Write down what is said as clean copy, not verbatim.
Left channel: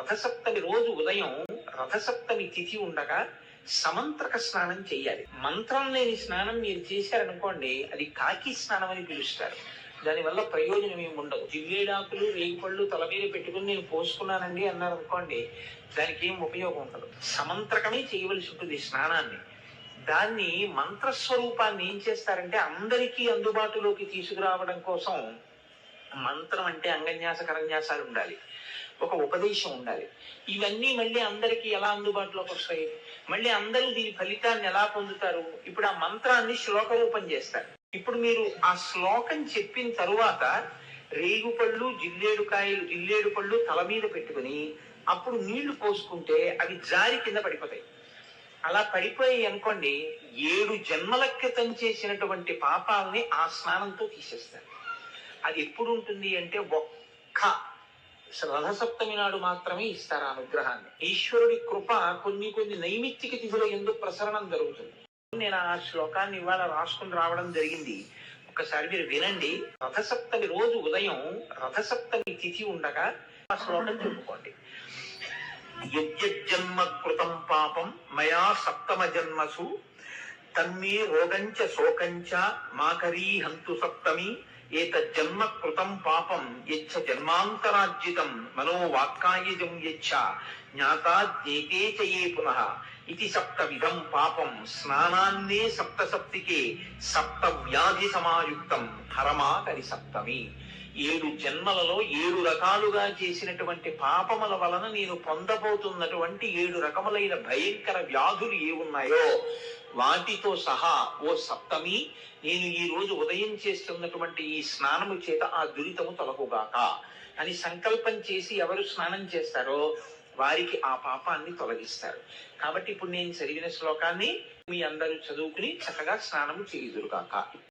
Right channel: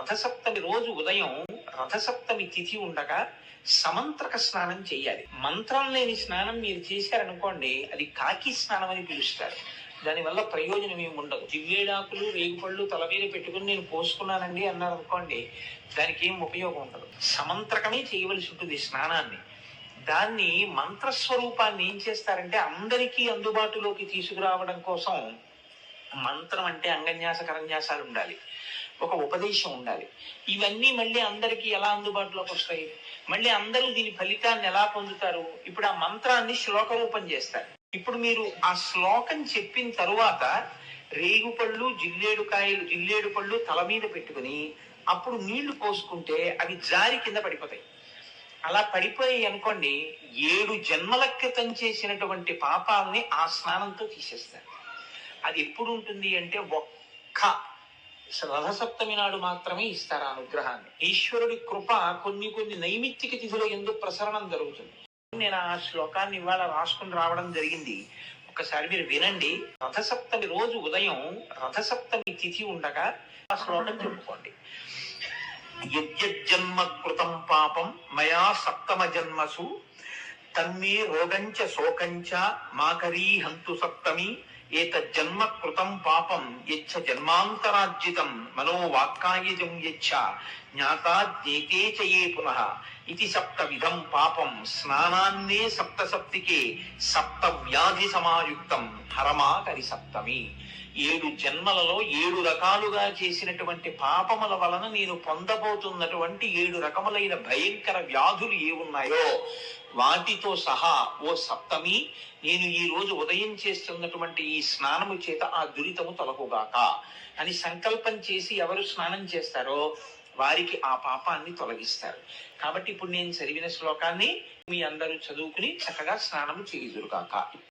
రథసప్తమి రోజు ఉదయం రథసప్తమి తిథి ఉండగా సమంత్రక స్నానం చేయాలి. మంత్రం లేని స్నానం మీరు చేశారనుకోండి, అది కాకి స్నానం అని పిలుస్తారు. దానివల్ల ప్రయోజనం ఏమి ఉండదు. జివ్వేడాకులు రేగుపళ్ళు తల మీద పెట్టుకుని నేను పోసుకున్నానండి అన్నారు అనుకోండి, దానికి ఏం ఉపయోగం ఉండదు. సమంత్రకమే చేయవలసి ఉంటుంది స్నానాన్ని. దాన్ని మంత్రస్వరూపాన్ని ఏం చేస్తారంటే అందరికీ అందుబాటులోకి తీసుకురావడం కోసం మంత్రం అంటే అంగన్యాస కరన్యాసాలు ఉండాలి, ఒక ఉపదేశం ఉండాలి. ఇవన్నీ మళ్ళీ అందరికీ ఎలా అందుబాటులోకి వస్తాయి? మళ్ళీ అందరూ దీని ఫలితాన్ని ఎలా పొందుతారు? ఇప్పుడు ఆ మంత్రాన్ని శ్లోక రూపం చేస్తారు. ఇప్పుడు మీరు ఆ శ్లోకం చెప్పిన తరువాత రేగుపళ్ళు జిల్లేడు పళ్ళు తల మీద పెట్టుకుని అప్పుడు నీళ్లు పోసుకుంటే అవి జారి కింద పడిపోతాయి. అలా పడిపోయి అనుకోండి, 7 జన్మల క్రితం చేసినటువంటి పాపాలని ఆ స్నానంతో తీసేస్తారు. అది ఎప్పుడు ఉంటుంది అంటే ఒక్క రథసప్తమి నాడు మాత్రమే ఇస్తారు ఆ అనుగ్రహాన్ని. ఈశ్వరుడి కృప కొన్ని నైమిత్తిక తిథుల యందు ప్రసరణం జరుగుతుంది. నేను ఆ శ్లోకాన్ని ఇవాళ రాసుకుని రావడం జరిగింది. ఒకసారి మీరు వినండి. రథసప్తమి రోజు ఉదయం రథసప్తమి తిథి ఉండగా ఆ శ్లోకం చెప్పుకోండి. యజ్జన్మ కృతం పాపం మయా సప్తమ జన్మసు తన్మే రోగంచ శోకంచ మాకరీ హంతు సప్తమి ఏతజ్జన్మ కృతం పాపం యచ్చ జన్మాంతరార్జితం మనోవాక్కాయజం యచ్చ జ్ఞాతా జ్ఞేతే చ యే పునః ఇది సప్తవిధం పాపం స్నానాన్నే సప్తసప్తికే సప్త వ్యాధి సమాయుక్తం హరమాకరి సప్తమి. 7 జన్మలలో 7 రకాలుగా చేసినటువంటి పాపముల వలన నేను పొందబోతున్నటువంటి 7 రకములైన భయంకర వ్యాధులు ఏమున్నాయో వాటితో సహా ఓ సప్తమి, నేను ఈ రోజు ఉదయం చేస్తున్నటువంటి ఈ స్నానము చేత ఆ దురితము తొలగుగాక అని సంకల్పం చేసి ఎవరు స్నానం చేస్తారో వారికి ఆ పాపాన్ని తొలగిస్తారు. కాబట్టి ఇప్పుడు నేను చదివిన శ్లోకాన్ని మీ అందరూ చదువుకుని చక్కగా స్నానము చేయుదురుగాక.